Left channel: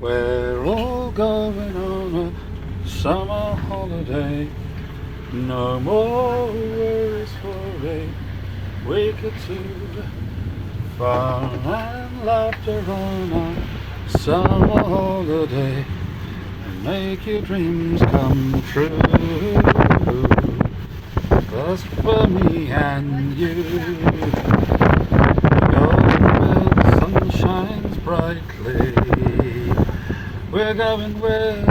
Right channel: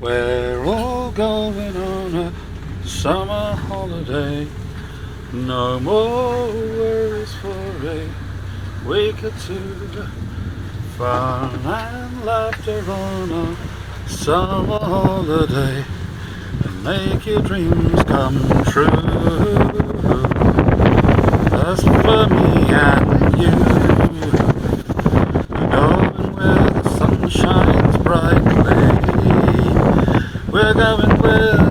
We're all going on a summer holiday. No more worries for a week or two. Fun and laughter on a summer holiday, and make your dreams come true. That's for me and you. Where the sun shines brightly, we're going with